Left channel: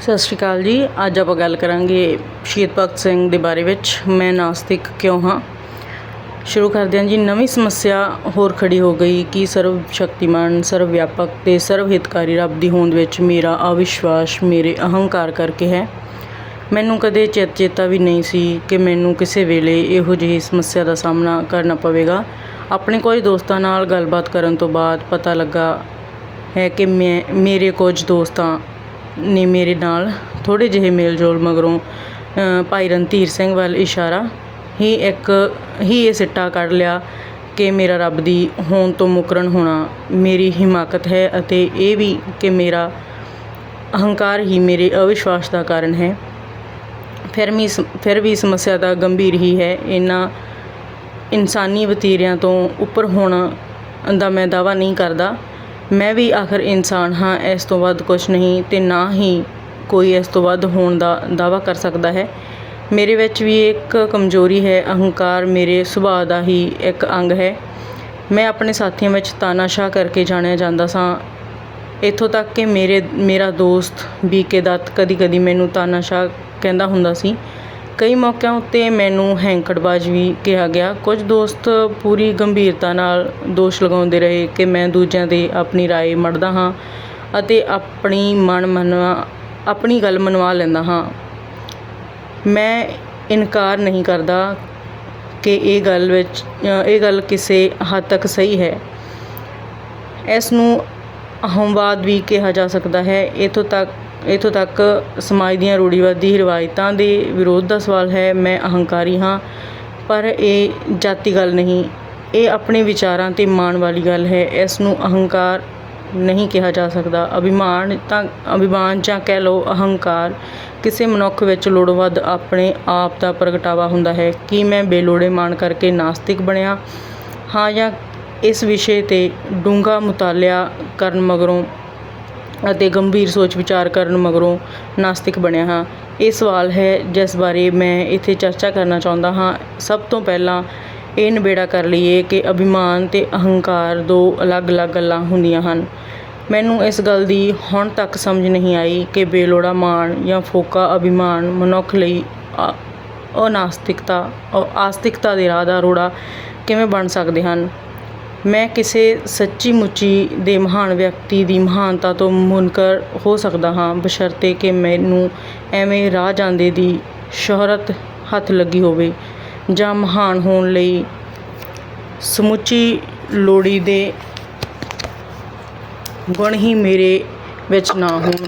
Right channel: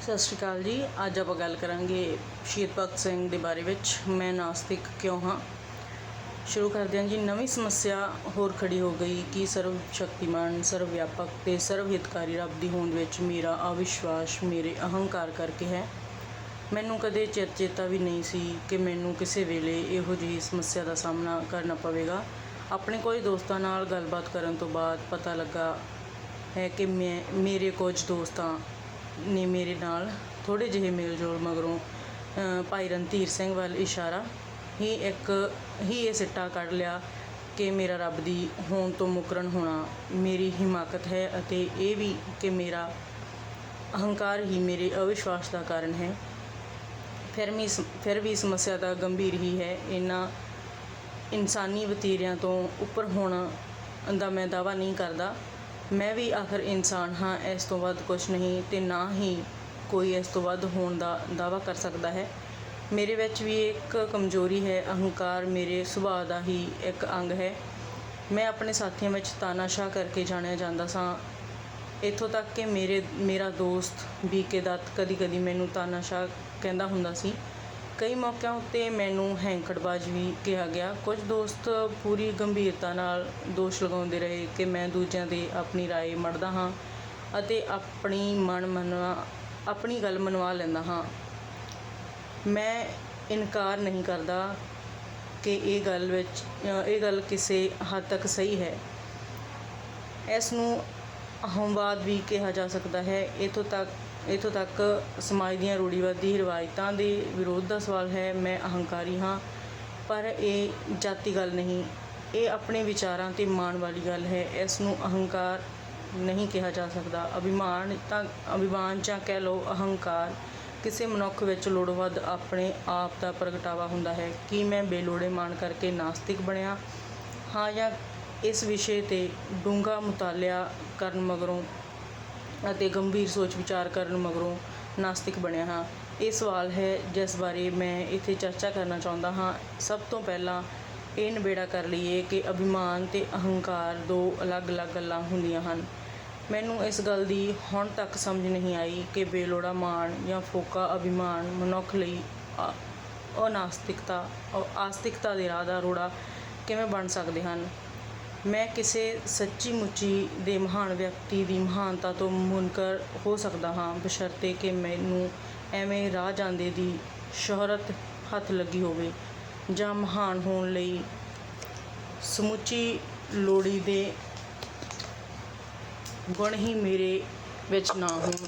ਸਤਿ ਸ਼੍ਰੀ ਅਕਾਲ ਜੀ। ਅੱਜ ਆਪਾਂ ਗੱਲ ਕਰਾਂਗੇ ਸ਼ਹੀਦ ਭਗਤ ਸਿੰਘ ਦੇ ਬਾਰੇ ਵਿੱਚ। ਮੈਂ ਨਾਸਤਿਕ ਕਿਉਂ ਹਾਂ? ਸ਼ੁਰੂ ਕਰਦੇ ਹਾਂ ਜੀ। ਨਵੀਂ ਸਮੱਸਿਆ ਹੋਰ ਖੜੀ ਹੋ ਗਈ ਕਿ ਸਰਵ ਸ਼ਕਤੀਮਾਨ, ਸਰਵ ਵਿਆਪਕ ਤੇ ਸਰਵ ਹਿਤਕਾਰੀ ਰੱਬ ਦੀ ਹੋਂਦ ਵਿੱਚ ਮੇਰਾ ਅਵਿਸ਼ਵਾਸ, ਮੇਰੇ ਅਹੰਕਾਰ ਕਰਕੇ ਹੈ। ਮੈਨੂੰ ਕਦੇ ਚੇਤ ਚੇਤਾ ਵੀ ਨਹੀਂ ਸੀ ਕਿ ਮੈਨੂੰ ਕਿਸੇ ਵੇਲੇ ਇਹੋ ਜਿਹੀ ਸਮੱਸਿਆ ਦਾ ਸਾਹਮਣਾ ਕਰਨਾ ਪਵੇਗਾ। ਆਪਣੇ ਕੁਝ ਦੋਸਤਾਂ ਨਾਲ ਗੱਲਬਾਤ ਕਰਨ ਤੋਂ ਬਾਅਦ ਪਤਾ ਲੱਗਾ ਹੈ ਕਿ ਮੈਂ, ਮੇਰੇ ਕੁਝ ਦੋਸਤਾਂ ਨੇ ਮੇਰੇ ਨਾਲ ਥੋੜ੍ਹੇ ਜਿਹੇ ਮੇਲ ਜੋਲ ਮਗਰੋਂ ਭਾਈ ਰਣਧੀਰ ਸਿੰਘ ਵੱਲ ਇਸ਼ਾਰਾ, ਹੀ ਇੱਕ, ਹੀ ਇਹ ਸਿੱਟਾ ਕੱਢ ਲਿਆ ਕਿ ਮੇਰਾ ਰੱਬ ਦੀ ਹੋਂਦ ਤੋਂ ਮੁਕਰਨ ਹੋਣਾ ਮੇਰੀ ਹਿਮਾਕਤ ਹੈ ਅਤੇ ਇਹ ਵੀ ਕਿ ਮੇਰਾ ਅਹੰਕਾਰ ਹੀ ਮੇਰੇ ਅਵਿਸ਼ਵਾਸ ਦਾ ਕਾਰਨ ਹੈ। ਫਿਰ ਵੀ ਫਿਰ ਵੀ ਸਮੱਸਿਆ ਤਾਂ ਗੰਭੀਰ ਹੀ ਹੈ। ਇਹਨਾਂ ਇਨਸਾਨੀ ਵਤੀਰਿਆਂ ਤੋਂ ਉੱਪਰ ਹੋਣਾ ਦਾ ਮੈਂ ਦਾਵਾ ਨਹੀਂ ਕਰਦਾ। ਮੈਂ ਵੀ ਆਖਰ ਇਨਸਾਨ ਹਾਂ, ਇਸ ਤੋਂ ਵੱਧ ਕੁਝ ਨਹੀਂ ਤੇ ਨਾ ਹੀ ਕੋਈ ਇਸ ਤੋਂ ਵੱਧ ਹੋਣ ਦਾ ਦਾਵਾ ਕਰ ਸਕਦਾ ਹੈ। ਮੇਰੇ ਵਿੱਚ ਵੀ ਇੱਕ ਕਮਜ਼ੋਰੀ ਹੈ, ਅਹੰਕਾਰ ਮੇਰੇ ਸੁਭਾਅ ਦਾ ਹੀ ਇੱਕ ਅੰਗ ਹੈ। ਮੈਂ ਆਪਣੇ ਸਾਥੀਆਂ ਵਿੱਚ ਤਾਨਾਸ਼ਾਹ ਕਰਕੇ ਜਾਣਿਆ ਜਾਂਦਾ ਸਾਂ। ਇੱਥੋਂ ਤੱਕ ਕਿ ਮੇਰੇ, ਮੇਰਾ ਦੋਸਤ, ਬੀਕੇ ਦੱਤ ਕਦੀ-ਕਦੀ ਮੈਨੂੰ ਤਾਨਾਸ਼ਾਹ ਕਹਿੰਦਾ ਹੁੰਦਾ ਸੀ। ਕਈ ਮੌਕਿਆਂ ਉੱਤੇ ਮੈਨੂੰ ਹੈਂਕੜਬਾਜ਼ ਵੀ ਕਿਹਾ ਗਿਆ। ਕੁਝ ਦੋਸਤ ਪੂਰੀ ਗੰਭੀਰਤਾ ਨਾਲ ਦੋਸ਼ ਲਗਾਉਂਦੇ ਰਹੇ ਕਿ ਮੈਂ ਦੂਜਿਆਂ ਦੇ ਆਪਣੀ ਰਾਏ ਮੜਦਾ ਹਾਂ ਅਤੇ ਆਪਣੀ ਮਨ ਮਨਵਾ, ਆਪਣੀ ਗੱਲ ਮਨਵਾ ਲੈਂਦਾ ਹਾਂ। ਮੈਂ ਇਨਕਾਰ ਨਹੀਂ ਕਰਦਾ ਕਿ ਇਹ ਗੱਲ ਵਿੱਚ, ਇਹ ਗੱਲ ਕਿਸੇ ਹੱਦ ਤੱਕ ਸਹੀ ਹੈ। ਇਸ ਨੂੰ ਅਹੰਵਾਦ ਵੀ ਕਿਹਾ ਜਾ ਸਕਦਾ ਹੈ। ਇਥੋਂ ਤੱਕ ਇੱਥੋਂ ਤੱਕ ਸਮਾਜ ਦੀਆਂ ਰੂੜੀਵਾਦੀ ਰਵਾਇਤਾਂ ਦੇ ਵਿਰੋਧ ਦਾ ਸਵਾਲ ਹੈ, ਮੈਂ ਅਹੰਕਾਰੀ ਹਾਂ, ਪਰ ਇਹ ਜਾਤੀ ਗੱਲ ਨਹੀਂ। ਇਹ ਆਪਣੇ ਵਿਚਾਰਾਂ ਤੇ ਮਾਣ ਵਾਲੀ ਗੱਲ ਹੈ। ਇਸ ਨੂੰ ਅਹੰਕਾਰ ਨਹੀਂ ਕਿਹਾ ਜਾ ਸਕਦਾ। ਅਭਿਮਾਨ ਤਾਂ, ਅਭਿਮਾਨ ਜਾਂ ਕਹਿ ਲਓ ਅਹੰਕਾਰ ਕਿਸੇ ਮਨੁੱਖ ਵਿੱਚ ਲੋੜੋਂ ਵੱਧ ਆਪਣੇ ਆਪ ਦਾ ਪ੍ਰਗਟਾਵਾ ਹੁੰਦਾ ਹੈ। ਕਿ ਮੈਂ ਬੇਲੋੜੇ ਮਾਣ ਕਰਕੇ ਨਾਸਤਿਕ ਬਣਿਆ? ਹਾਂ ਜਾਂ ਇਸ ਵਿਸ਼ੇ ਤੇ ਡੂੰਘਾ ਮੁਤਾਲਿਆ ਕਰਨ ਮਗਰੋਂ ਅਤੇ ਗੰਭੀਰ ਸੋਚ ਵਿਚਾਰ ਕਰਨ ਮਗਰੋਂ ਨਾਸਤਿਕ ਬਣਿਆ ਹਾਂ। ਇਹ ਸਵਾਲ ਹੈ ਜਿਸ ਬਾਰੇ ਮੈਂ ਇੱਥੇ ਚਰਚਾ ਕਰਨਾ ਚਾਹੁੰਦਾ ਹਾਂ। ਸਭ ਤੋਂ ਪਹਿਲਾਂ ਇਹ ਨਿਬੇੜਾ ਕਰ ਲਈਏ ਕਿ ਅਭਿਮਾਨ ਤੇ ਅਹੰਕਾਰ ਦੋ ਅਲੱਗ-ਅਲੱਗ ਗੱਲਾਂ ਹੁੰਦੀਆਂ ਹਨ। ਮੈਨੂੰ ਇਸ ਗੱਲ ਦੀ ਹੁਣ ਤੱਕ ਸਮਝ ਨਹੀਂ ਆਈ ਕਿ ਬੇਲੋੜਾ ਮਾਣ ਜਾਂ ਫੋਕਾ ਅਭਿਮਾਨ ਮਨੁੱਖ ਲਈ ਅਨਾਸਤਿਕਤਾ ਆਸਤਿਕਤਾ ਦੇ ਰਾਹ ਦਾ ਰੋੜਾ ਕਿਵੇਂ ਬਣ ਸਕਦੇ ਹਨ। ਮੈਂ ਕਿਸੇ ਸੱਚੀ ਮੁੱਚੀ ਦੇ ਮਹਾਨ ਵਿਅਕਤੀ ਦੀ ਮਹਾਨਤਾ ਤੋਂ ਮੁਨਕਰ ਹੋ ਸਕਦਾ ਹਾਂ, ਬਸ਼ਰਤੇ ਕਿ ਮੈਨੂੰ ਐਵੇਂ ਰਾਹ ਜਾਂਦੇ ਦੀ ਸ਼ੋਹਰਤ ਹੱਥ ਲੱਗੀ ਹੋਵੇ ਜਾਂ ਮਹਾਨ ਹੋਣ ਲਈ ਸਮੁੱਚੀ ਲੋੜੀ ਦੇ ਗੁਣ ਹੀ ਮੇਰੇ ਵਿੱਚ ਨਾ ਹੋਣ।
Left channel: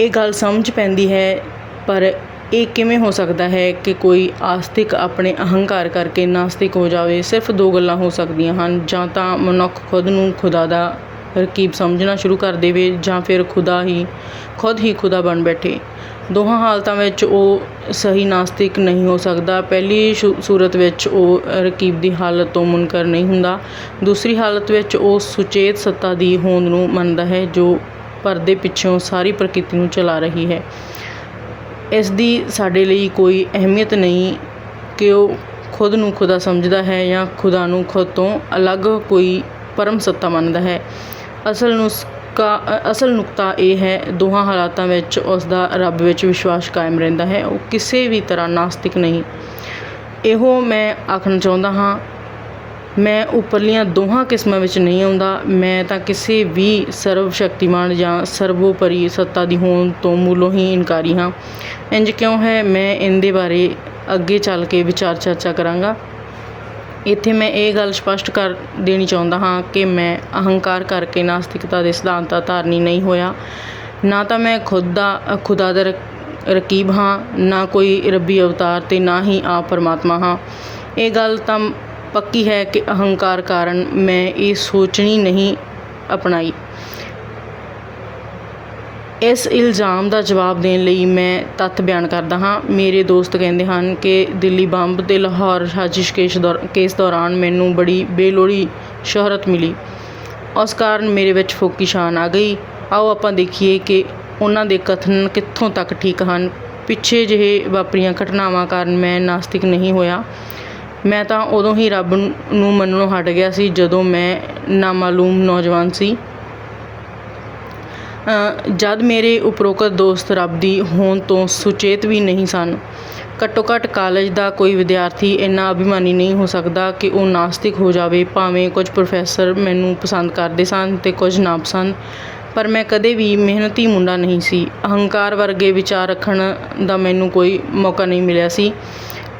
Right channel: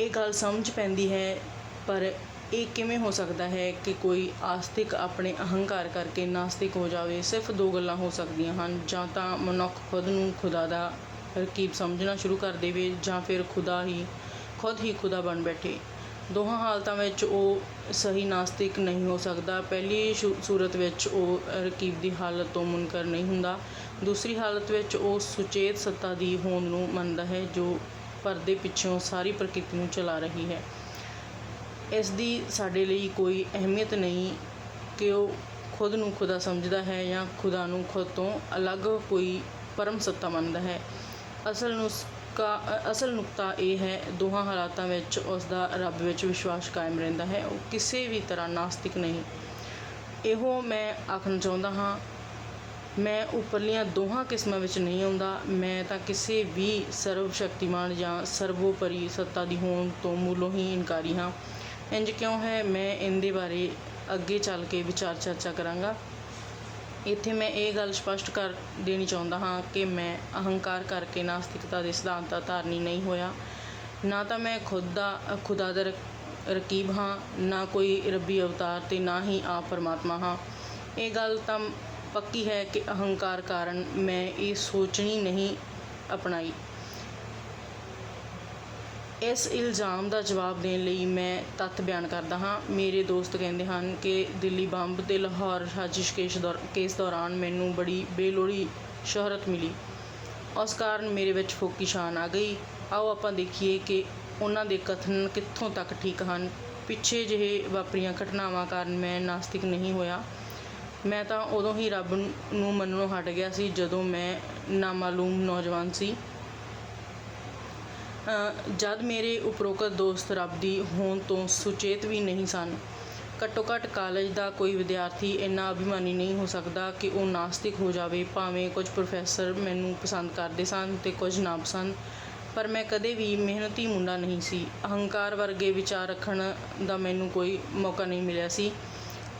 ਇਹ ਗੱਲ ਸਮਝ ਪੈਂਦੀ ਹੈ, ਪਰ ਇਹ ਕਿਵੇਂ ਹੋ ਸਕਦਾ ਹੈ ਕਿ ਕੋਈ ਆਸਤਿਕ ਆਪਣੇ ਅਹੰਕਾਰ ਕਰਕੇ ਨਾਸਤਿਕ ਹੋ ਜਾਵੇ? ਸਿਰਫ ਦੋ ਗੱਲਾਂ ਹੋ ਸਕਦੀਆਂ ਹਨ। ਜਾਂ ਤਾਂ ਮਨੁੱਖ ਖੁਦ ਨੂੰ ਖੁਦਾ ਦਾ ਰਕੀਬ ਸਮਝਣਾ ਸ਼ੁਰੂ ਕਰ ਦੇਵੇ ਜਾਂ ਫਿਰ ਖੁਦਾ ਹੀ, ਖੁਦ ਹੀ ਖੁਦਾ ਬਣ ਬੈਠੇ। ਦੋਹਾਂ ਹਾਲਤਾਂ ਵਿੱਚ ਉਹ ਸਹੀ ਨਾਸਤਿਕ ਨਹੀਂ ਹੋ ਸਕਦਾ। ਪਹਿਲੀ ਸ਼ੂ- ਸੂਰਤ ਵਿੱਚ ਉਹ ਰਕੀਬ ਦੀ ਹਾਲਤ ਤੋਂ ਮੁਨਕਰ ਨਹੀਂ ਹੁੰਦਾ। ਦੂਸਰੀ ਹਾਲਤ ਵਿੱਚ ਉਹ ਸੁਚੇਤ ਸੱਤਾ ਦੀ ਹੋਂਦ ਨੂੰ ਮੰਨਦਾ ਹੈ, ਜੋ ਪਰਦੇ ਪਿੱਛੋਂ ਸਾਰੀ ਪ੍ਰਕਿਰਤੀ ਨੂੰ ਚਲਾ ਰਹੀ ਹੈ। ਇਸ ਦੀ ਸਾਡੇ ਲਈ ਕੋਈ ਅਹਿਮੀਅਤ ਨਹੀਂ ਕਿ ਉਹ ਖੁਦ ਨੂੰ ਖੁਦਾ ਸਮਝਦਾ ਹੈ ਜਾਂ ਖੁਦਾ ਨੂੰ ਖੁਦ ਤੋਂ ਅਲੱਗ ਕੋਈ ਪਰਮ ਸੱਤਾ ਮੰਨਦਾ ਹੈ। ਅਸਲ ਨੁਸਖਾ ਅਸਲ ਨੁਕਤਾ ਇਹ ਹੈ, ਦੋਹਾਂ ਹਾਲਾਤਾਂ ਵਿੱਚ ਉਸ ਦਾ ਰੱਬ ਵਿੱਚ ਵਿਸ਼ਵਾਸ ਕਾਇਮ ਰਹਿੰਦਾ ਹੈ, ਉਹ ਕਿਸੇ ਵੀ ਤਰ੍ਹਾਂ ਨਾਸਤਿਕ ਨਹੀਂ। ਇਹੋ ਮੈਂ ਆਖਣਾ ਚਾਹੁੰਦਾ ਹਾਂ, ਮੈਂ ਉੱਪਰਲੀਆਂ ਦੋਹਾਂ ਕਿਸਮਾਂ ਵਿੱਚ ਨਹੀਂ ਆਉਂਦਾ, ਮੈਂ ਤਾਂ ਕਿਸੇ ਵੀ ਸਰਵ ਸ਼ਕਤੀਮਾਨ ਜਾਂ ਸਰਵੋਪਰੀ ਸੱਤਾ ਦੀ ਹੋਣ ਤੋਂ ਮੂਲੋਂ ਹੀ ਇਨਕਾਰੀ ਹਾਂ। ਇੰਜ ਕਿਉਂ ਹੈ? ਮੈਂ ਇਹਦੇ ਬਾਰੇ ਅੱਗੇ ਚੱਲ ਕੇ ਵਿਚਾਰ ਚਰਚਾ ਕਰਾਂਗਾ। ਇੱਥੇ ਮੈਂ ਇਹ ਗੱਲ ਸਪਸ਼ਟ ਕਰ ਦੇਣੀ ਚਾਹੁੰਦਾ ਹਾਂ ਕਿ ਮੈਂ ਅਹੰਕਾਰ ਕਰਕੇ ਨਾਸਤਿਕਤਾ ਦੇ ਸਿਧਾਂਤ ਦਾ ਧਾਰਨੀ ਨਹੀਂ ਹੋਇਆ। ਨਾ ਤਾਂ ਮੈਂ ਖੁਦ ਦਾ, ਖੁਦਾ ਦਾ ਰਕੀਬ ਹਾਂ, ਨਾ ਕੋਈ ਰੱਬੀ ਅਵਤਾਰ ਤੇ ਨਾ ਹੀ ਆਪ ਪਰਮਾਤਮਾ ਹਾਂ। ਇਹ ਗੱਲ ਤਾਂ ਪੱਕੀ ਹੈ ਕਿ ਅਹੰਕਾਰ ਕਾਰਨ ਮੈਂ ਇਹ ਸੋਚਣੀ ਨਹੀਂ ਅਪਣਾਈ। ਇਸ ਇਲਜ਼ਾਮ ਦਾ ਜਵਾਬ ਦੇਣ ਲਈ ਮੈਂ ਤੱਥ ਬਿਆਨ ਕਰਦਾ ਹਾਂ। ਮੇਰੇ ਦੋਸਤ ਕਹਿੰਦੇ ਹਨ ਕਿ ਦਿੱਲੀ ਬੰਬ ਅਤੇ ਲਾਹੌਰ ਸਾਜ਼ਿਸ਼ ਕੇਸ ਦੌਰ, ਕੇਸ ਦੌਰਾਨ ਮੈਨੂੰ ਬੜੀ ਬੇਲੋੜੀ ਸ਼ੋਹਰਤ ਮਿਲੀ। ਉਸ ਕਾਰਨ ਮੇਰੇ ਵਿੱਚ ਫੋਕੀ ਸ਼ਾਨ ਆ ਗਈ। ਆਓ ਆਪਾਂ ਦੇਖੀਏ ਕਿ ਉਹਨਾਂ ਦੇ ਕਥਨ ਕਿੱਥੋਂ ਤੱਕ ਠੀਕ ਹਨ। ਪਿੱਛੇ ਜਿਹੇ ਵਾਪਰੀਆਂ ਘਟਨਾਵਾਂ ਕਾਰਨ ਮੈਂ ਨਾਸਤਿਕ ਨਹੀਂ ਹੋਇਆ। ਮੈਂ ਤਾਂ ਉਦੋਂ ਹੀ ਰੱਬ ਨੂੰ ਮੰਨਣੋਂ ਹਟ ਗਿਆ ਸੀ ਜਦੋਂ ਮੈਂ ਨਾਮਾਲੂਮ ਨੌਜਵਾਨ ਸੀ। ਜਦ ਮੇਰੇ ਉਪਰੋਕਤ ਦੋਸਤ ਰੱਬ ਦੀ ਹੋਂਦ ਤੋਂ ਸੁਚੇਤ ਵੀ ਨਹੀਂ ਸਨ, ਘੱਟੋ ਘੱਟ ਕਾਲਜ ਦਾ ਕੋਈ ਵਿਦਿਆਰਥੀ ਇੰਨਾ ਅਭਿਮਾਨੀ ਨਹੀਂ ਹੋ ਸਕਦਾ ਕਿ ਉਹ ਨਾਸਤਿਕ ਹੋ ਜਾਵੇ, ਭਾਵੇਂ ਕੁਝ ਪ੍ਰੋਫੈਸਰ ਮੈਨੂੰ ਪਸੰਦ ਕਰਦੇ ਸਨ ਤੇ ਕੁਝ ਨਾ ਪਰ ਮੈਂ ਕਦੇ ਵੀ ਮਿਹਨਤੀ ਮੁੰਡਾ ਨਹੀਂ ਸੀ। ਅਹੰਕਾਰ ਵਰਗੇ ਵਿਚਾਰ ਰੱਖਣ ਦਾ ਮੈਨੂੰ ਕੋਈ ਮੌਕਾ ਨਹੀਂ ਮਿਲਿਆ ਸੀ।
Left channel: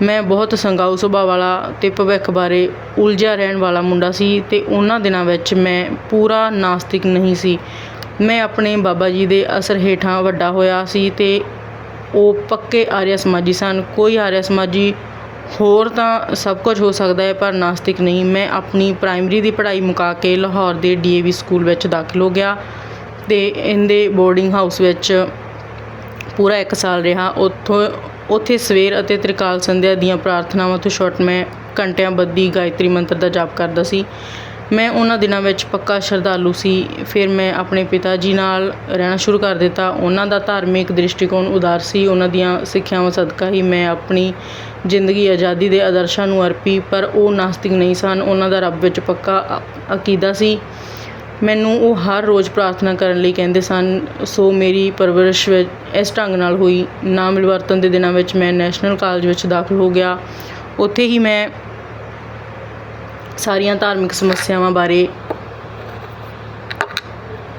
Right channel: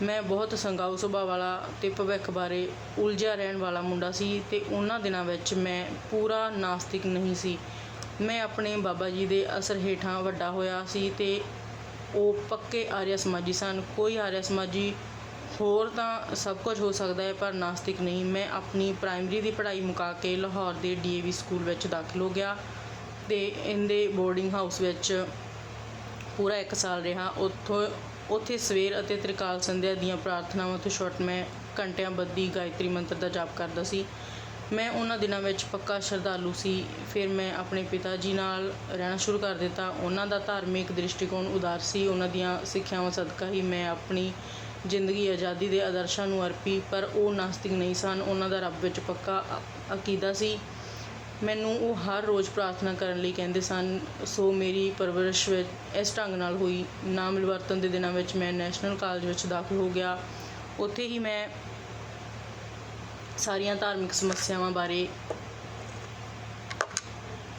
ਮੈਂ ਬਹੁਤ ਸੰਗਾਊ ਸੁਭਾਅ ਵਾਲਾ ਤੇ ਭਵਿੱਖ ਬਾਰੇ ਉਲਝਿਆ ਰਹਿਣ ਵਾਲਾ ਮੁੰਡਾ ਸੀ ਤੇ ਉਹਨਾਂ ਦਿਨਾਂ ਵਿੱਚ ਮੈਂ ਪੂਰਾ ਨਾਸਤਿਕ ਨਹੀਂ ਸੀ। ਮੈਂ ਆਪਣੇ ਬਾਬਾ ਜੀ ਦੇ ਅਸਰ ਹੇਠਾਂ ਵੱਡਾ ਹੋਇਆ ਸੀ ਅਤੇ ਉਹ ਪੱਕੇ ਆਰਿਆ ਸਮਾਜੀ ਸਨ। ਕੋਈ ਆਰਿਆ ਸਮਾਜੀ ਹੋਰ ਤਾਂ ਸਭ ਕੁਝ ਹੋ ਸਕਦਾ ਹੈ, ਪਰ ਨਾਸਤਿਕ ਨਹੀਂ। ਮੈਂ ਆਪਣੀ ਪ੍ਰਾਇਮਰੀ ਦੀ ਪੜ੍ਹਾਈ ਮੁਕਾ ਕੇ ਲਾਹੌਰ ਦੇ ਡੀ ਏ ਵੀ ਸਕੂਲ ਵਿੱਚ ਦਾਖਲ ਹੋ ਗਿਆ ਅਤੇ ਇਹਦੇ ਬੋਰਡਿੰਗ ਹਾਊਸ ਵਿੱਚ ਪੂਰਾ ਇੱਕ ਸਾਲ ਰਿਹਾ। ਉੱਥੋਂ, ਉੱਥੇ ਸਵੇਰ ਅਤੇ ਤ੍ਰਿਕਾਲ ਸੰਧਿਆ ਦੀਆਂ ਪ੍ਰਾਰਥਨਾਵਾਂ ਤੋਂ ਛੁੱਟ ਮੈਂ ਘੰਟਿਆਂ ਬੱਧੀ ਗਾਇਤਰੀ ਮੰਤਰ ਦਾ ਜਾਪ ਕਰਦਾ ਸੀ। ਮੈਂ ਉਹਨਾਂ ਦਿਨਾਂ ਵਿੱਚ ਪੱਕਾ ਸ਼ਰਧਾਲੂ ਸੀ। ਫਿਰ ਮੈਂ ਆਪਣੇ ਪਿਤਾ ਜੀ ਨਾਲ ਰਹਿਣਾ ਸ਼ੁਰੂ ਕਰ ਦਿੱਤਾ। ਉਹਨਾਂ ਦਾ ਧਾਰਮਿਕ ਦ੍ਰਿਸ਼ਟੀਕੋਣ ਉਦਾਰ ਸੀ। ਉਹਨਾਂ ਦੀਆਂ ਸਿੱਖਿਆਵਾਂ ਸਦਕਾ ਹੀ ਮੈਂ ਆਪਣੀ ਜ਼ਿੰਦਗੀ ਆਜ਼ਾਦੀ ਦੇ ਆਦਰਸ਼ਾਂ ਨੂੰ ਅਰਪੀ, ਪਰ ਉਹ ਨਾਸਤਿਕ ਨਹੀਂ ਸਨ। ਉਹਨਾਂ ਦਾ ਰੱਬ ਵਿੱਚ ਪੱਕਾ ਅ- ਅਕੀਦਾ ਸੀ। ਮੈਨੂੰ ਉਹ ਹਰ ਰੋਜ਼ ਪ੍ਰਾਰਥਨਾ ਕਰਨ ਲਈ ਕਹਿੰਦੇ ਸਨ, ਸੋ ਮੇਰੀ ਪਰਵਰਿਸ਼ ਇਸ ਢੰਗ ਨਾਲ ਹੋਈ। ਨਾ ਮਿਲਵਰਤਨ ਦੇ ਦਿਨਾਂ ਵਿੱਚ ਮੈਂ ਨੈਸ਼ਨਲ ਕਾਲਜ ਵਿੱਚ ਦਾਖਲ ਹੋ ਗਿਆ। ਉੱਥੇ ਹੀ ਮੈਂ ਸਾਰੀਆਂ ਧਾਰਮਿਕ ਸਮੱਸਿਆਵਾਂ ਬਾਰੇ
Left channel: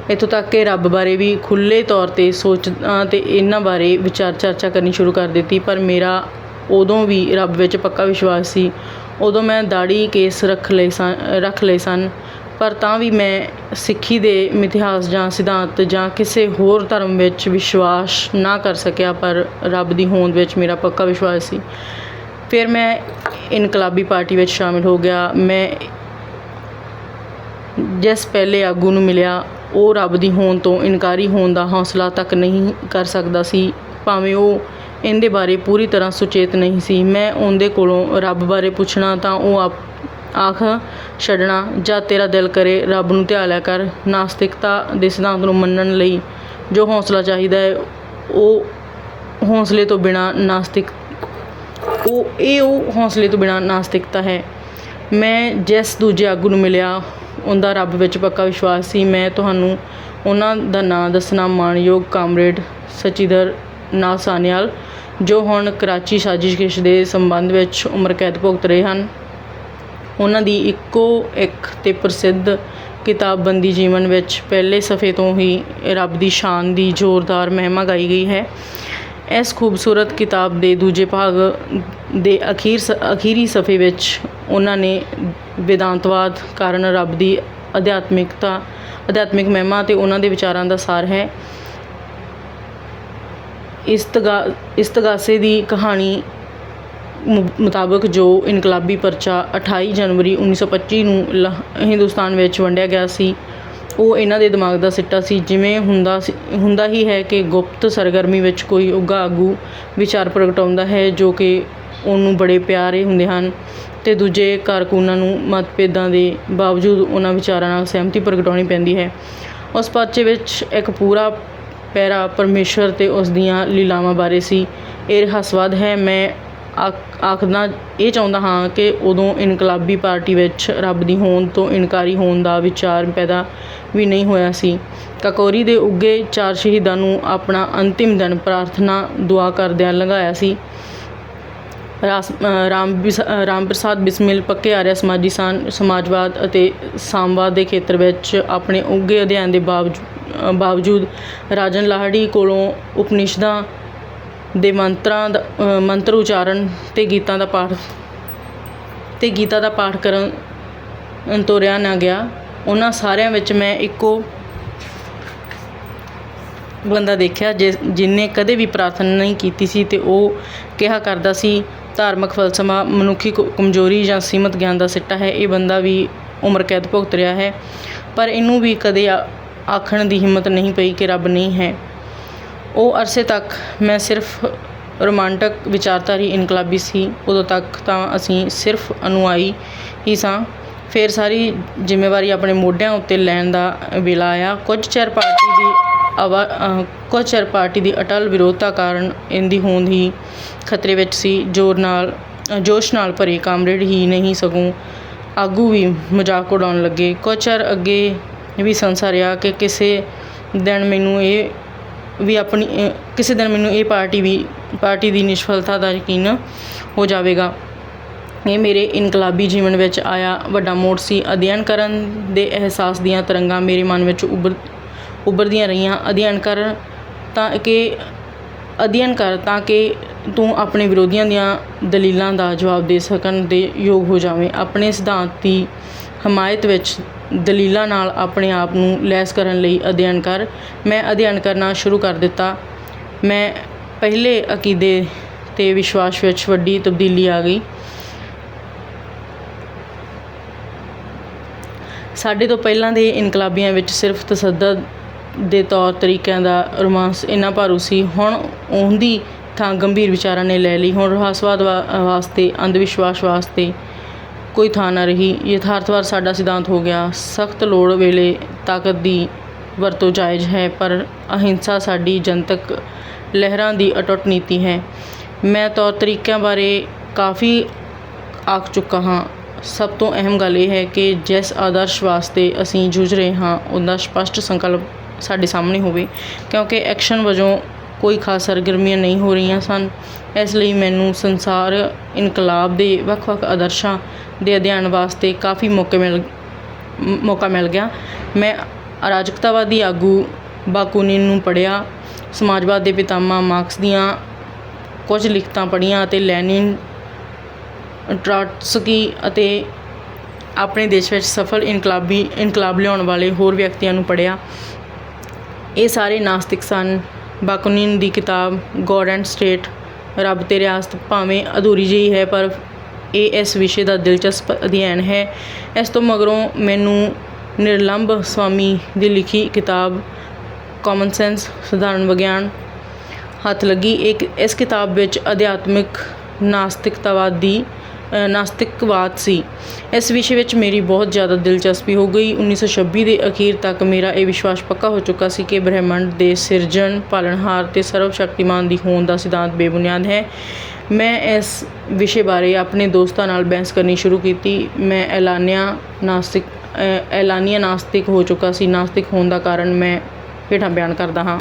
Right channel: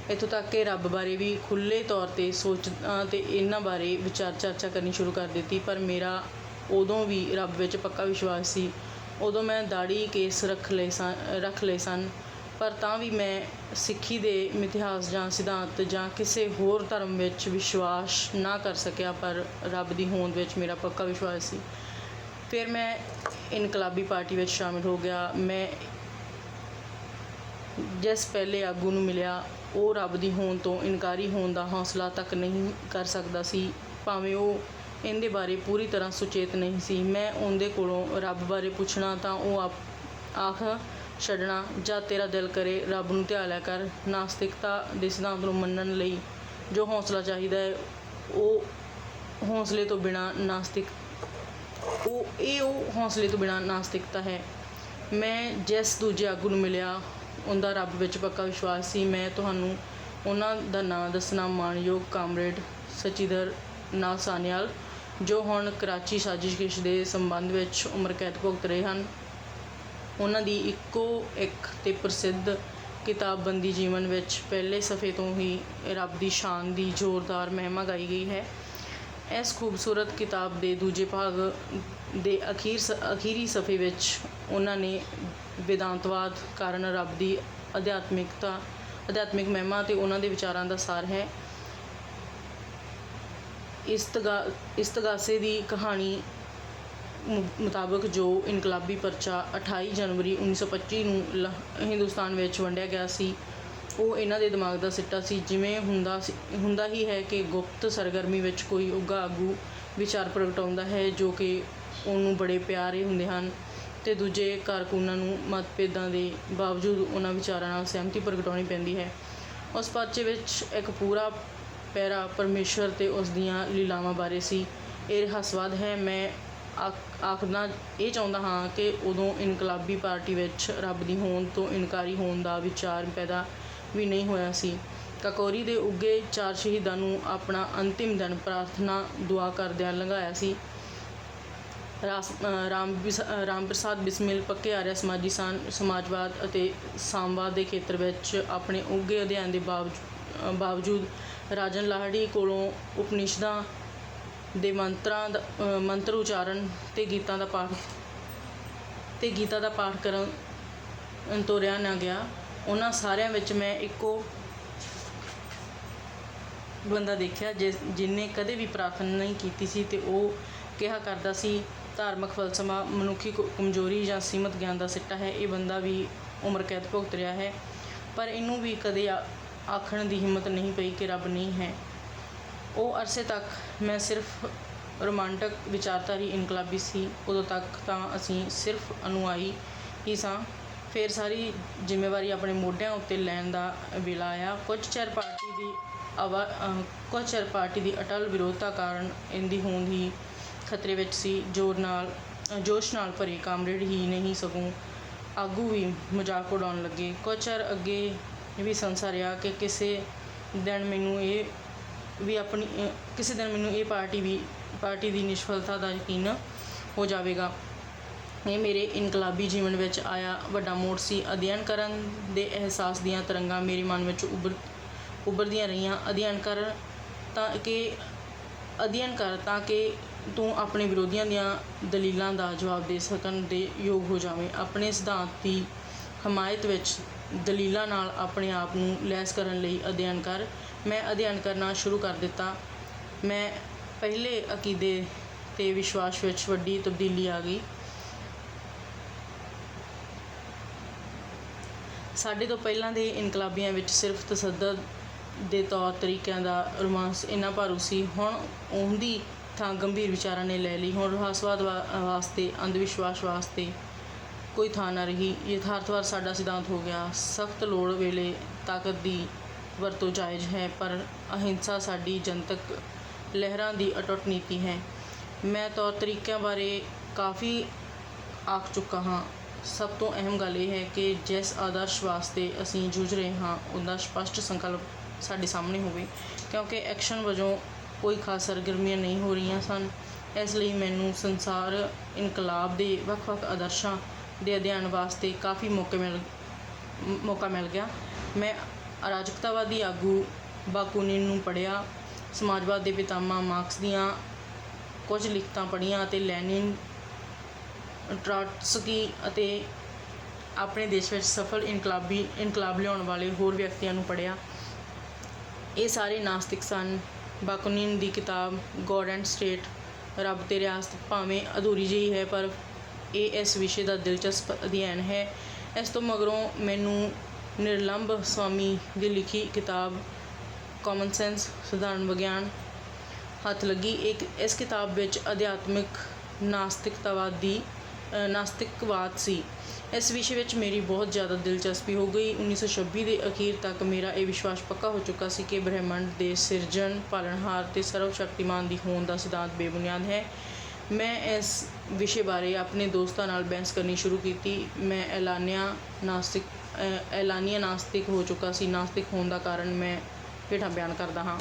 ਇੱਥੋਂ ਤੱਕ ਕਿ ਰੱਬ ਬਾਰੇ ਵੀ ਖੁੱਲ੍ਹੇ ਤੌਰ 'ਤੇ ਸੋਚਾਂ ਤੇ ਇਹਨਾਂ ਬਾਰੇ ਵਿਚਾਰ ਚਰਚਾ ਕਰਨੀ ਸ਼ੁਰੂ ਕਰ ਦਿੱਤੀ, ਪਰ ਮੇਰਾ ਉਦੋਂ ਵੀ ਰੱਬ ਵਿੱਚ ਪੱਕਾ ਵਿਸ਼ਵਾਸ ਸੀ, ਉਦੋਂ ਮੈਂ ਦਾੜੀ ਕੇਸ ਰੱਖ ਲਏ ਸਨ ਰੱਖ ਲਏ ਸਨ, ਪਰ ਤਾਂ ਵੀ ਮੈਂ ਸਿੱਖੀ ਦੇ ਮਿਥਿਹਾਸ ਜਾਂ ਸਿਧਾਂਤ ਜਾਂ ਕਿਸੇ ਹੋਰ ਧਰਮ ਵਿੱਚ ਵਿਸ਼ਵਾਸ ਨਾ ਕਰ ਸਕਿਆ, ਪਰ ਰੱਬ ਦੀ ਹੋਂਦ ਵਿੱਚ ਮੇਰਾ ਪੱਕਾ ਵਿਸ਼ਵਾਸ ਸੀ। ਫਿਰ ਮੈਂ ਇਨਕਲਾਬੀ ਪਾਰਟੀ ਵਿੱਚ ਸ਼ਾਮਿਲ ਹੋ ਗਿਆ। ਮੈਂ ਜਿਸ ਪਹਿਲੇ ਆਗੂ ਨੂੰ ਮਿਲਿਆ, ਉਹ ਰੱਬ ਦੀ ਹੋਣ ਤੋਂ ਇਨਕਾਰੀ ਹੋਣ ਦਾ ਹੌਸਲਾ ਤੱਕ ਨਹੀਂ ਕਰ ਸਕਦਾ ਸੀ। ਭਾਵੇਂ ਉਹ ਇਹਦੇ ਬਾਰੇ ਪੂਰੀ ਤਰ੍ਹਾਂ ਸੁਚੇਤ ਨਹੀਂ ਸੀ। ਮੈਂ ਉਹਦੇ ਕੋਲੋਂ ਰੱਬ ਬਾਰੇ ਪੁੱਛਣਾ ਤਾਂ ਉਹ ਆਪ ਆਖ ਛੱਡਣਾ, ਜਾਂ ਤੇਰਾ ਦਿਲ ਕਰੇ, ਰੱਬ ਨੂੰ ਧਿਆ ਲਿਆ ਕਰ। ਨਾਸਤਿਕਤਾ ਦੇ ਸਿਧਾਂਤ ਨੂੰ ਮੰਨਣ ਲਈ ਜੋ ਹੌਸਲਾ ਚਾਹੀਦਾ ਹੈ, ਉਹ ਹੌਸਲੇ ਤੋਂ ਬਿਨਾ ਨਾਸਤਿਕ ਉਹ, ਇਹ ਉਹ ਹੌਸਲੇ ਤੋਂ ਬਿਨਾਂ ਨਾਸਤਿਕਤਾ ਹੈ। ਮੈਂ ਜਿਸ ਦੂਜੇ ਆਗੂ ਨੂੰ ਮਿਲਿਆ, ਉਹਦਾ ਰੱਬ ਵਿੱਚ ਪੱਕਾ ਵਿਸ਼ਵਾਸ ਸੀ। ਮੈਂ ਤੁਹਾਨੂੰ ਉਹਨਾਂ ਦਾ ਨਾਂ ਦੱਸਣਾ ਮਾਣਯੋਗ ਕਾਮਰੇਡ ਸਚਿਦਰ ਨਾਥ ਸਾਨਿਆਲ ਜੋ ਹੁਣ ਕਰਾਚੀ ਸਾਜ਼ਿਸ਼ ਦੇ ਸੰਬੰਧ ਵਿੱਚ ਉਮਰ ਕੈਦ ਭੁਗਤ ਰਹੇ ਹਨ। ਉਹਨਾਂ ਦੀ ਇੱਕੋ ਇੱਕ ਤੇ ਪ੍ਰਸਿੱਧ ਕਿਤਾਬ ਬੰਦੀ ਜੀਵਨ ਵਿੱਚ ਪਹਿਲੇ ਸਫ਼ੇ ਤੋਂ ਹੀ ਰੱਬ ਦੀ ਸ਼ਾਨ ਦੀ ਜ਼ੋਰਦਾਰ ਮਹਿਮਾ ਗਾਈ ਗਈ ਹੈ। ਇਸ ਖੂਬਸੂਰਤ ਕਿਤਾਬ ਦੇ ਦੂਜੇ ਭਾਗ ਦੇ ਅਖੀਰ ਸ- ਅਖੀਰੀ ਸਫ਼ੇ ਵਿੱਚ ਉਹਨਾਂ ਨੇ ਵੇਦਾਂਤਵਾਦ ਕਾਰਨ ਰੱਬ ਦੀ ਅਧਿਆਤਮਿਕਤਾ, ਅਧਿਆਤਮਿਕ ਮਹਿਮਾ ਤੇ ਉਹਨਾਂ ਦੇ ਵਿਚਾਰਾਂ ਦਾ ਸਾਰ ਹੈ। ਇਸਤਗਾ, ਇਸਤਗਾਸੇ ਦੀ ਕਹਾਣੀ ਮੁ- ਮੁਤਾਬਕ ਜੋ ਇਨਕਲਾਬੀ ਪਰਚਾ 28 ਜਨਵਰੀ 1925 ਨੂੰ ਲ- ਹਿੰਦੁਸਤਾਨ ਵਿੱਚ ਵੰਡਿਆ ਗਿਆ ਸੀ ਉਹ ਇਹਨਾਂ ਦੇ ਦਿਮਾਗ ਦਾ ਸਿੱਟਾ ਸੀ, ਜਿਵੇਂ ਹੁੰਦਾ ਸੀ, ਹੁੰਦਾ ਹੀ ਹੈ ਕਿ ਗੁਪਤ ਸਰਗਰਮੀ ਵਿੱਚ ਕੋਈ ਉੱਘਾ ਆਗੂ ਵਿਚਾਰ ਪ੍ਰਗਟਾਉਂਦਾ ਹੈ ਜੋ ਕਿ ਉਹਨੂੰ ਬੜੇ ਪਿਆਰੇ ਹੁੰਦੇ ਹਨ ਅਤੇ ਦੂਜੇ ਕਾਰਕੁਨਾਂ ਨੂੰ ਮਤਭੇਦਾਂ ਦੇ ਬਾਵਜੂਦ ਉਹਨਾਂ ਵਿਚਾਰਾਂ ਨਾਲ ਸਹਿਮਤੀ ਪ੍ਰਗਟਾਉਣੀ ਪੈਂਦੀ ਹੈ। ਉਸ ਪਰਚੇ ਵਿੱਚ ਇੱਕ ਪੂਰਾ ਪੈਰਾ ਪਰਮੇਸ਼ਵਰ ਤੇ ਉਸ ਦੀਆਂ ਲੀਲਾਵਾਂ ਬਾਰੇ ਸੀ। ਇਹ ਰਹੱਸਵਾਦ ਹੈ। ਮੈਂ ਆਖਦਾ, ਇਹ ਚਾਹੁੰਦਾ ਹਾਂ ਕਿ ਉਦੋਂ ਇਨਕਲਾਬੀ ਪਾਰਟੀ ਵਿੱਚ ਰੱਬ ਦੀ ਹੋਂਦ ਤੋਂ ਇਨਕਾਰੀ ਹੋਣ ਦਾ ਵਿਚਾਰ ਪੈਦਾ ਵੀ ਨਹੀਂ ਹੋਇਆ ਸੀ। ਕਕੋਰੀ ਦੇ ਉੱਘੇ ਚਾਰ ਸ਼ਹੀਦਾਂ ਨੂੰ ਆਪਣਾ ਅੰਤਿਮ ਦਿਨ ਪ੍ਰਾਰਥਨਾ ਦੁਆ ਕਰਦਿਆਂ ਲੰਘਾਇਆ ਸੀ। ਰਾਸ- ਰਾਮ ਬਿਸ- ਰਾਮ ਪ੍ਰਸਾਦ ਬਿਸਮਿਲ ਪੱਕੇ ਆਰਿਆ ਸਮਾਜੀ ਸਨ ਸਮਾਜਵਾਦ ਅਤੇ ਸਾਮਵਾਦ ਦੇ ਖੇਤਰ ਵਿੱਚ ਆਪਣੇ ਉੱਘੇ ਅਧਿਐਨ ਦੇ ਬਾਵਜੂ- ਬਾਵਜੂਦ ਰਾਜਨ ਲਾਹੜੀ ਕੋਲੋਂ ਉਪਨਿਸ਼ਦਾਂ ਦੇ ਮੰਤਰਾਂ ਦਾ ਮੰਤਰ ਉਚਾਰਨ ਤੇ ਗੀਤਾਂ ਦਾ ਪਾਠ ਤੇ ਗੀਤਾ ਦਾ ਪਾਠ ਕਰਨ ਤੋਰਿਆ ਨਾ ਗਿਆ। ਉਹਨਾਂ ਸਾਰਿਆਂ ਵਿੱਚ ਮੈਂ ਇੱਕੋ ਬੰਦਾ ਦੇਖਿਆ ਜਿਸ ਜਿਨੇ ਕਦੇ ਵੀ ਪ੍ਰਾਰਥਨਾ ਨਹੀਂ ਕੀਤੀ ਸੀ ਤੇ ਉਹ ਕਿਹਾ ਕਰਦਾ ਸੀ, ਧਾਰਮਿਕ ਫਲਸਫਾ, ਮਨੁੱਖੀ ਕਮਜ਼ੋਰੀ ਜਾਂ ਸੀਮਤ ਗਿਆਨ ਦਾ ਸਿੱਟਾ ਹੈ, ਇਹ ਬੰਦਾ ਵੀ ਉਮਰ ਕੈਦ ਭੁਗਤ ਰਿਹਾ ਹੈ। ਪਰ ਇਹਨੂੰ ਵੀ ਕਦੇ ਆ- ਆਖਣ ਦੀ ਹਿੰਮਤ ਨਹੀਂ ਪਈ ਕਿ ਰੱਬ ਨਹੀਂ ਹੈ। ਉਹ ਅਰਸੇ ਤੱਕ ਮੈਂ ਸਿਰਫ ਰੋਮਾਂਟਿਕ ਵਿਚਾਰਧਾਰੀ ਇਨਕਲਾਬੀ ਸੀ, ਉਦੋਂ ਤੱਕ ਤਾਂ ਅਸੀਂ ਸਿਰਫ ਅਨੁਆਈ ਹੀ ਸਾਂ। ਫਿਰ ਸਾਰੀ ਜ਼ਿੰਮੇਵਾਰੀ ਆਪਣੇ ਮੋਢਿਆਂ ਉੱਤੇ ਲੈਣ ਦਾ ਵੇਲਾ ਆਇਆ। ਕੁਝ ਚਿਰ ਪਾਰਟੀ ਦੀ ਆਵਾ ਕੁਝ ਚਿਰ ਪਾਰਟੀ ਦੀ ਅਟਲ ਵਿਰੋਧਤਾ ਕਾਰਨ ਇਹਦੀ ਹੋਂਦ ਹੀ ਖਤਰੇ ਵਿੱਚ ਸੀ। ਜੋਰ ਨਾਲ, ਜੋਸ਼ ਨਾਲ ਭਰੇ ਕਾਮਰੇਡ ਹੀ ਨਹੀਂ ਸਗੋਂ ਆਗੂ ਵੀ ਮਜ਼ਾਕ ਉਡਾਉਣ ਲੱਗੇ। ਕੁਝ ਚਿਰ ਅੱਗੇ ਵੀ ਸੰਸਾ ਰਿਹਾ ਕਿ ਕਿਸੇ ਦਿਨ ਮੈਨੂੰ ਇਹ ਵੀ ਆਪਣੀ ਕਿਸੇ ਦਿਨ ਮੈਨੂੰ ਇਹ ਪਾਰਟੀ ਵੀ, ਪਾਰਟੀ ਦੀ ਨਿਸ਼ਫਲਤਾ ਦਾ ਯਕੀਨ ਹੋ ਜਾਵੇਗਾ। ਇਹ ਮੇਰੇ ਇਨਕਲਾਬੀ ਜੀਵਨ ਵਿੱਚ ਆਇਆ ਵੱਡਾ ਮੋੜ ਸੀ। ਅਧਿਐਨ ਕਰਨ ਦੇ ਅਹਿਸਾਸ ਦੀਆਂ ਤਰੰਗਾਂ ਮੇਰੇ ਮਨ ਵਿੱਚ ਉਭਰ, ਉਭਰਦੀਆਂ ਰਹੀਆਂ। ਅਧਿਐਨ ਕਰ ਤਾਂ ਕਿ, ਅਧਿਐਨ ਕਰ ਤਾਂ ਕਿ ਤੂੰ ਆਪਣੇ ਵਿਰੋਧੀਆਂ ਦੀਆਂ ਦਲੀਲਾਂ ਦਾ ਜਵਾਬ ਦੇ ਸਕਣ ਦੇ ਯੋਗ ਹੋ ਜਾਵੇਂ। ਆਪਣੇ ਸਿਧਾਂਤ ਦੀ ਹਮਾਇਤ ਵਿੱਚ ਦਲੀਲਾਂ ਨਾਲ ਆਪਣੇ ਆਪ ਨੂੰ ਲੈਸ ਕਰਨ ਲਈ ਅਧਿਐਨ ਕਰ। ਮੈਂ ਅਧਿਐਨ ਕਰਨਾ ਸ਼ੁਰੂ ਕਰ ਦਿੱਤਾ। ਮੈਂ ਪਹਿਲੇ ਅਕੀਦੇ ਤੇ ਵਿਸ਼ਵਾਸ ਵਿੱਚ ਵੱਡੀ ਤਬਦੀਲੀ ਆ ਗਈ। ਸਾਡੇ ਤੋਂ ਪਹਿਲਾਂ ਦੇ ਇਨਕਲਾਬੀਆਂ ਵਿੱਚ ਸਿਰਫ ਤਸੱਦਦ ਦੇ ਤੌਰ ਤਰੀਕਿਆਂ ਦਾ ਰੋਮਾਂਸ ਇੰਨਾ ਭਾਰੂ ਸੀ, ਹੁਣ ਉਹਦੀ ਥਾਂ ਗੰਭੀਰ ਵਿਚਾਰਾਂ ਨੇ ਲੈ ਲਈ। ਹੁਣ ਰਹੱਸਵਾਦ ਵਾ- ਵਾਸਤੇ ਅੰਧ ਵਿਸ਼ਵਾਸ ਵਾਸਤੇ ਕੋਈ ਥਾਂ ਨਾ ਰਹੀ। ਯਥਾਰਥਵਾਦ ਸਾਡਾ ਸਿਧਾਂਤ ਹੋ ਗਿਆ। ਸਖਤ ਲੋੜ ਵੇਲੇ ਤਾਕਤ ਦੀ ਵਰਤੋਂ ਜਾਇਜ਼ ਹੈ, ਪਰ ਅਹਿੰਸਾ ਸਾਡੀ ਜਨਤਕ ਲਹਿਰਾਂ ਦੀ ਅਟੁੱਟ ਨੀਤੀ ਹੈ। ਮੈਂ ਤੌਰ ਤਰੀਕਿਆਂ ਬਾਰੇ ਕਾਫੀ ਆਖ ਚੁੱਕਾ ਹਾਂ। ਸਭ ਤੋਂ ਅਹਿਮ ਗੱਲ ਇਹ ਹੈ ਕਿ ਜਿਸ ਆਦਰਸ਼ ਵਾਸਤੇ ਅਸੀਂ ਜੂਝ ਰਹੇ ਹਾਂ, ਉਹਦਾ ਸਪਸ਼ਟ ਸੰਕਲਪ ਸਾਡੇ ਸਾਹਮਣੇ ਹੋਵੇ, ਕਿਉਂਕਿ ਐਕਸ਼ਨ ਵਜੋਂ ਕੋਈ ਖਾਸ ਸਰਗਰਮੀਆਂ ਨਹੀਂ ਹੋ ਰਹੀਆਂ ਸਨ। ਇਸ ਲਈ ਮੈਨੂੰ ਸੰਸਾਰ ਇਨਕਲਾਬ ਦੇ ਵੱਖ-ਵੱਖ ਆਦਰਸ਼ਾਂ ਦੇ ਅਧਿਐਨ ਵਾਸਤੇ ਕਾਫੀ ਮੌਕੇ ਮਿਲ, ਮੌਕਾ ਮਿਲ ਗਿਆ। ਮੈਂ ਅਰਾਜਕਤਾਵਾਦੀ ਆਗੂ ਬਾਕੂਨਿਨ ਨੂੰ ਪੜ੍ਹਿਆ, ਸਮਾਜਵਾਦ ਦੇ ਪਿਤਾਮਾ ਮਾਰਕਸ ਦੀਆਂ ਕੁਝ ਲਿਖਤਾਂ ਪੜ੍ਹੀਆਂ ਅਤੇ ਲੈਨਿਨ ਟ੍ਰਾਟਸਕੀ ਅਤੇ ਆਪਣੇ ਦੇਸ਼ ਵਿੱਚ ਸਫਲ ਇਨਕਲਾਬੀ, ਇਨਕਲਾਬ ਲਿਆਉਣ ਵਾਲੇ ਹੋਰ ਵਿਅਕਤੀਆਂ ਨੂੰ ਪੜ੍ਹਿਆ। ਇਹ ਸਾਰੇ ਨਾਸਤਿਕ ਸਨ। ਬਾਕੂਨਿਨ ਦੀ ਕਿਤਾਬ ਗੋਡ ਐਂਡ ਸਟੇਟ, ਰੱਬ ਤੇ ਰਿਆਸਤ ਭਾਵੇਂ ਅਧੂਰੀ ਜਿਹੀ ਹੈ, ਪਰ ਇਹ ਇਸ ਵਿਸ਼ੇ ਦਾ ਦਿਲਚਸਪ ਅਧਿਐਨ ਹੈ। ਇਸ ਤੋਂ ਮਗਰੋਂ ਮੈਨੂੰ ਨਿਰਲੰਭ ਸਵਾਮੀ ਦੀ ਲਿਖੀ ਕਿਤਾਬ ਕਾਮਨ ਸੈਂਸ ਸਧਾਰਨ ਵਿਗਿਆਨ ਹੱਥ ਲੱਗੀ। ਇੱਕ ਇਸ ਕਿਤਾਬ ਵਿੱਚ ਅਧਿਆਤਮਿਕ ਨਾਸਤਿਕਤਾਵਾਦ ਦੀ ਨਾਸਤਿਕਵਾਦ ਸੀ। ਇਸ ਵਿਸ਼ੇ ਵਿੱਚ ਮੇਰੀ ਬਹੁਤ ਜ਼ਿਆਦਾ ਦਿਲਚਸਪੀ ਹੋ ਗਈ। 1926 ਦੇ ਅਖੀਰ ਤੱਕ ਮੇਰਾ ਇਹ ਵਿਸ਼ਵਾਸ ਪੱਕਾ ਹੋ ਚੁੱਕਾ ਸੀ ਕਿ ਬ੍ਰਹਿਮੰਡ ਦੇ ਸਿਰਜਣ, ਪਾਲਣਹਾਰ ਤੇ ਸਰਵ ਸ਼ਕਤੀਮਾਨ ਦੀ ਹੋਂਦ ਦਾ ਸਿਧਾਂਤ ਬੇਬੁਨਿਆਦ ਹੈ। ਮੈਂ ਇਸ ਵਿਸ਼ੇ ਬਾਰੇ ਆਪਣੇ ਦੋਸਤਾਂ ਨਾਲ ਬਹਿਸ ਕਰਨੀ ਸ਼ੁਰੂ ਕੀਤੀ। ਮੈਂ ਐਲਾਨਿਆ ਨਾਸਤਿਕ ਐਲਾਨੀਆ ਨਾਸਤਿਕ ਹੋ ਚੁੱਕਾ ਸੀ। ਨਾਸਤਿਕ ਹੋਣ ਦਾ ਕਾਰਨ ਮੈਂ ਹੇਠਾਂ ਬਿਆਨ ਕਰਦਾ ਹਾਂ।